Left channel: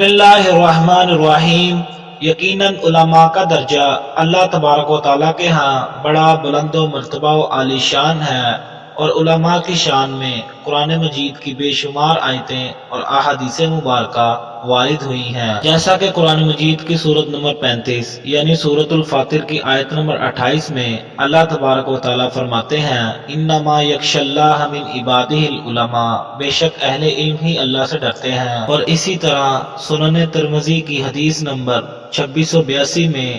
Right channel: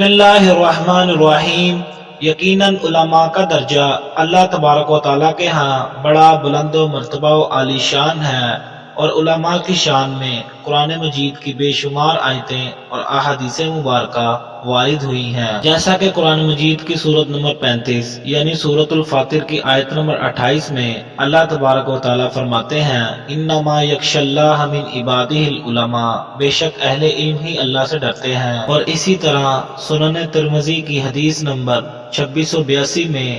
بسم اللہ الرحمن الرحیم۔ یقیناً علماء کا درجہ اللہ تبارک و تعالیٰ کے ہاں بڑا بلند و مرتبہ و عالی شان ہے، اور علماء کی شان میں قرآن مجید کی بے شمار آیتیں اور احادیث مبارکہ وارد ہوئی ہیں، جیسا کہ قرآن مجید کی سورت نمبر 35 یعنی سورت الفاتر کی آیت نمبر 28 میں اللہ تبارک و تعالیٰ فرماتے ہیں انما یخشی اللہ من عبادہ العلماء، بے شک اہل علم ہی اللہ سے ڈرتے ہیں۔ اور اسی طرح سنن ترمذی کی حدیث نمبر 2682 میں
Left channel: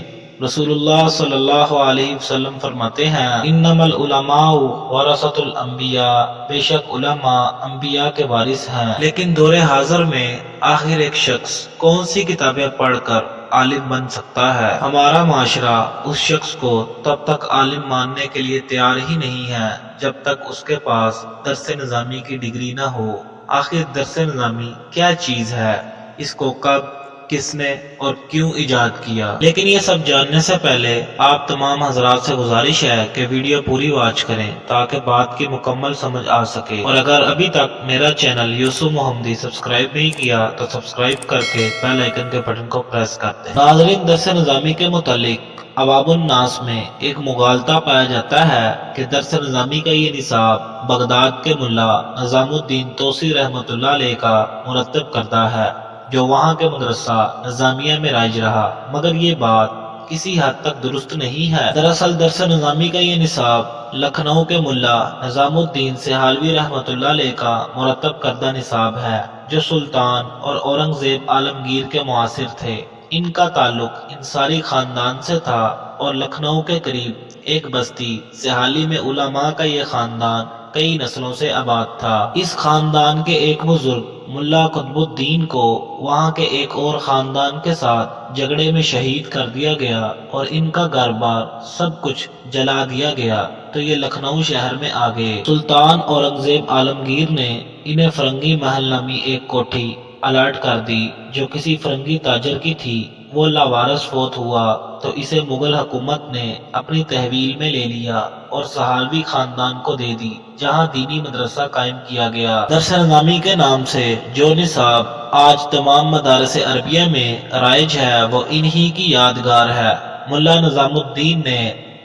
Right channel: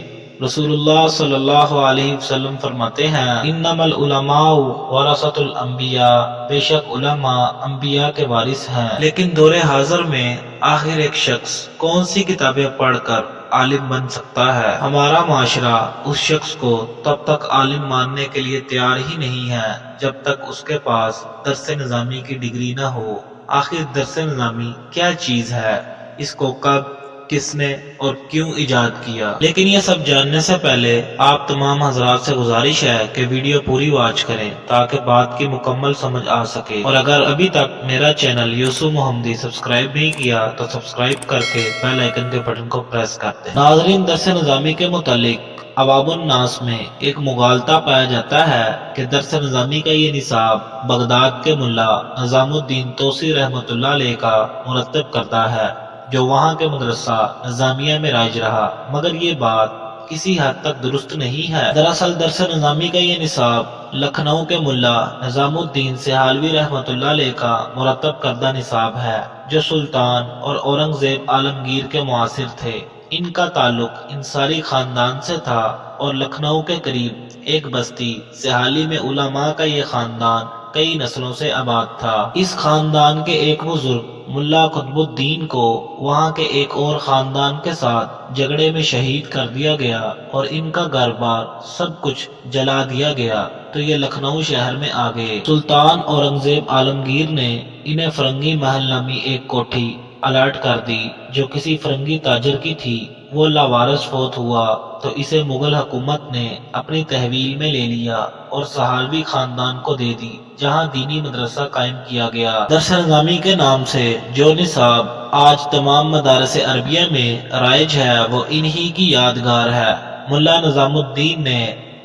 رسول اللہ صلی اللہ علیہ وسلم فرماتے ہیں انما العلماء ورثۃ الانبیاء، بے شک علماء انبیاء کے وارث ہیں۔ لیکن دور حاضر میں آخر ایک شخص کون سی کتابیں پڑھ کر عالم بن سکتا ہے؟ ہمارا معاشرہ اس شخص کو تب تک عالم ماننے کے لیے تیار ہی نہیں ہے جب تک اس کے پاس درس نظامی کی ڈگری نہ ہو۔ آخر درس نظامی کیا چیز ہے؟ اس کو کب، کس نے اور کیوں ایجاد کیا؟ لیکن یہ سب جاننے سے پہلے آپ تمام حضرات سے گزارش ہے کہ ویڈیو پوری واچ کریں تاکہ بات کی مکمل سمجھ آ سکے، اور اگر ابھی تک میرا چینل یوسف محمدی سبسکرائب نہیں کیا تو سبسکرائب کر کے بیل آئیکن کے بٹن کو پریس کر دیں۔ ناظرین، درس نظامی کے متعلق عوام الناس میں ایک مغالطہ پایا جاتا ہے کہ درس نظامی کا یہ نصاب بغداد کے ملا نظام الدین توسی رحمۃ اللہ علیہ کا مرتب کرتا ہے، جو وہاں کے مدرسہ نظامیہ میں رائج رہا، مگر یہ بات کسی حد تک درست نہیں ہے۔ دراصل درس نظامی کا یہ نصاب لکھنؤ کے ملا نظام الدین سہالوی رحمۃ اللہ علیہ کا مرتب کردہ نصاب ہے، جو سلطان اور اورنگزیب عالمگیر کے معاصر تھے۔ ان کا تعلق انصاری خاندان سے تھا، اور لکھنؤ کے قریب ایک بستی سہالی میں علماء کا یہ خاندان کئی نسلوں سے آباد تھا۔ اس خاندان کے ایک بزرگ ملا قطب الدین کو وہاں کے ایک اور خاندان کے ساتھ جھگڑے میں شہید کر دیا گیا، اور ان کا گھر بار سب کچھ جلا دیا گیا، تو یہ لکھنؤ شہر میں آ گئے۔ سلطان اورنگزیب عالمگیر نے انہیں فرنگی محل نامی ایک کوٹھی الاٹ کر دی، جو کسی فرنگی تاجر کی تھی۔ وہ لاوارث فوت ہوا تو اسے مغل حکومت نے اپنی تحویل میں لے لیا اور سہالوی خاندان کو دے دی، جہاں دینی مدرسہ قائم کیا گیا۔ درس نظامی کے نام سے جو نصاب آج تمام مدارس عربیہ میں رائج ہے وہ انہی کی یادگار ہے۔ ملا نظام الدین نے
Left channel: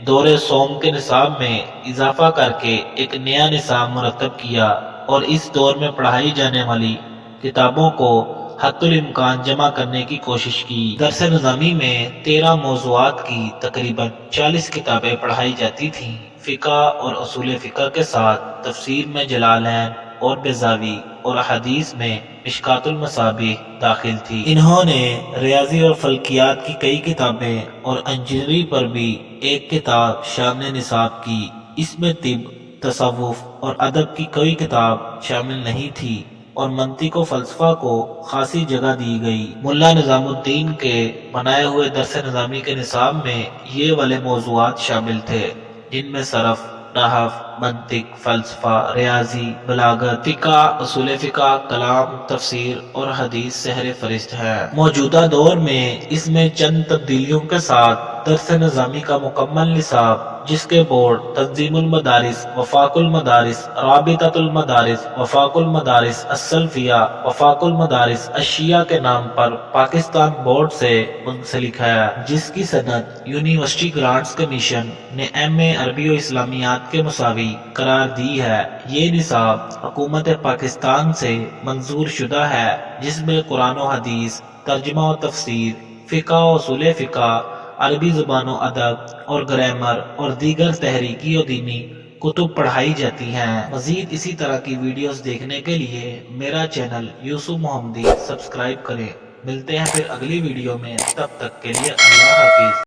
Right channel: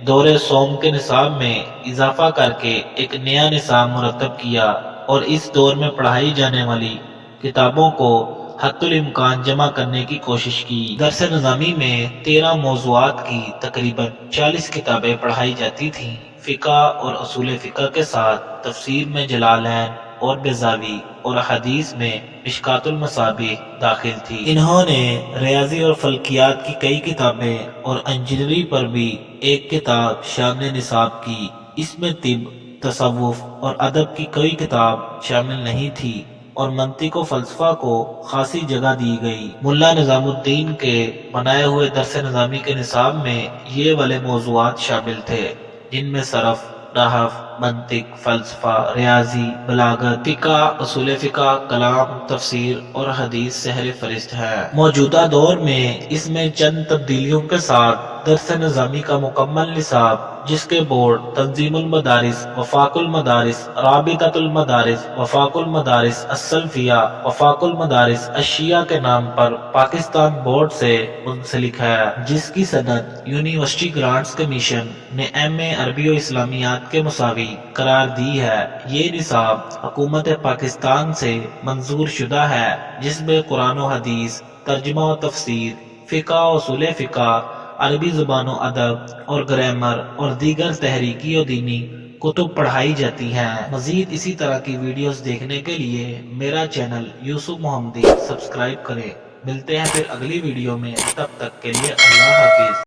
دور سوم کے نصاب میں اضافہ کر کے ایک نیا نصاب مرتب کیا، اور اس دور میں پڑھائی جانے والی کتابوں کو حت الامکان جمع کرنے کی کوشش کی۔ درس نظامی میں 13 موضوعات کی تقریباً 40 کتابیں پڑھائی جاتی تھیں۔ فقہ اور اصول فقہ کے ساتھ تفسیر میں جلالین اور بیضاوی، اور حدیث میں مشکوٰۃ المصابیح داخل تھی۔ انہوں نے ریاضی اور فلکیات کی کئی کتابیں اور انجینئرنگ پر بھی ایک کتاب شامل نصاب کی۔ اس میں طب، تصوف اور ادب کی کوئی کتاب شامل نہیں تھی، اور منطق و فلسفہ کو خاصی جگہ دی گئی۔ ملا نظام الدین کے بنائے ہوئے درس نظامی کے نصاب میں یہ والے موضوعات شامل تھے، جن میں صرف، نحو، منطق، فلسفہ، ریاضی، بلاغت، فقہ، اصول فقہ، کلام، تفسیر اور حدیث سحر فہرست ہیں۔ موجودہ دور میں اس میں چند تبدیلیوں کے ساتھ درس نظامی کا مکمل نصاب، جس کے بورڈ تنظیم المدارس، وفاق المدارس، رابطۃ المدارس، وفاق المدارس السلفیہ، وفاق المدارس الشیعہ کے نام پر پاکستان بورڈ سے منسلک ہے، جس کی سند یونیورسٹی گرانٹس کمیشن نے MA عربی و اسلامیات کے مساوی قرار دی ہے۔ یہ نصاب حکومت پاکستان سے منظور شدہ ہے، جس میں قرآن و حدیث، ترجمہ و تفسیر، فقہ و اصول فقہ، عربی زبان و ادب اور گرامر اور دیگر تحریکی و دینی کتب پڑھائی جاتی ہیں۔ مزید اسی طرح کی ویڈیوز دیکھنے کے لیے میرا چینل یوسف محمدی سبسکرائب کریں۔ ملتے ہیں پھر اگلی ویڈیو میں، تب تک کے لیے اللہ حافظ۔